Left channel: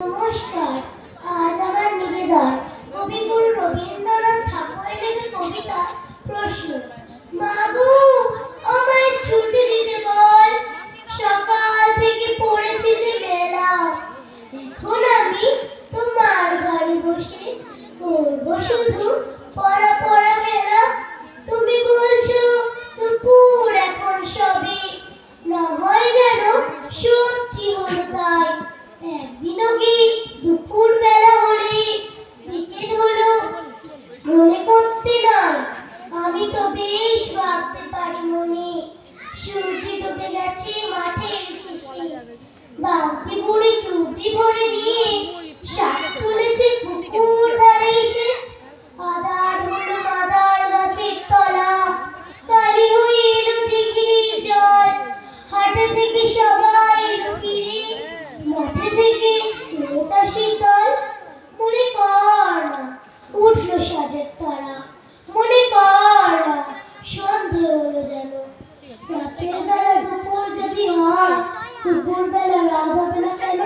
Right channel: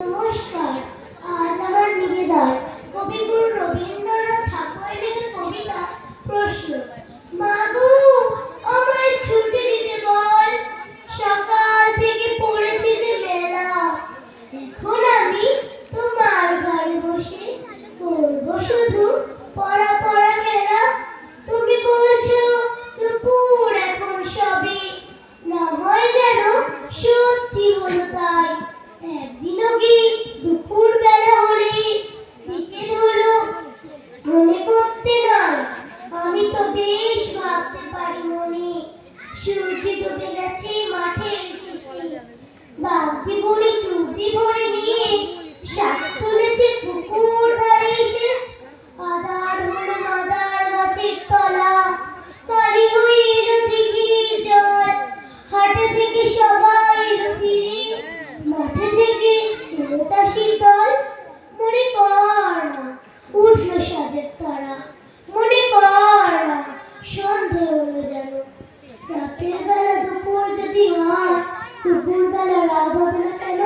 নমস্কার। আজ আমার নিবেদন কবিগুরু রবীন্দ্রনাথ ঠাকুরের লেখা কবিতা প্রশ্ন। মাগো, আমায় ছুটি দিতে বল, সকাল থেকে পড়েছি যে মেলা। এখন আমি তোমার ঘরে বসে করব শুধু পড়া পড়া খেলা। তুমি বলছো দুপুর এখন সবে, না হয় যেন সত্যি হলো তাই। একদিনও কি দুপুর বেলা হলে বিকেল হলো মনে করতে নয়? আমি তো বেশ ভাবতে পারি মনে। সূর্য ডুবে গেছে মাঠের শেষে, বালতি ভরে চুবড়ি ভরে নিয়ে শাক তুলেছে পুকুর ধারে এসে। আদার হলো মাদার গাছের তলা, কালি হয়ে এলো দিঘির জল। হাটে থেকে সবাই এলো ফিরে, মাঠে থেকে এলো চাষির দল। মনে কর না উঠলো সাজের তারা, মনে কর না সন্ধে হলো যেন। রাতের বেলা দুপুর যদি হয়, দুপুর বেলা রাত হবে না কেন?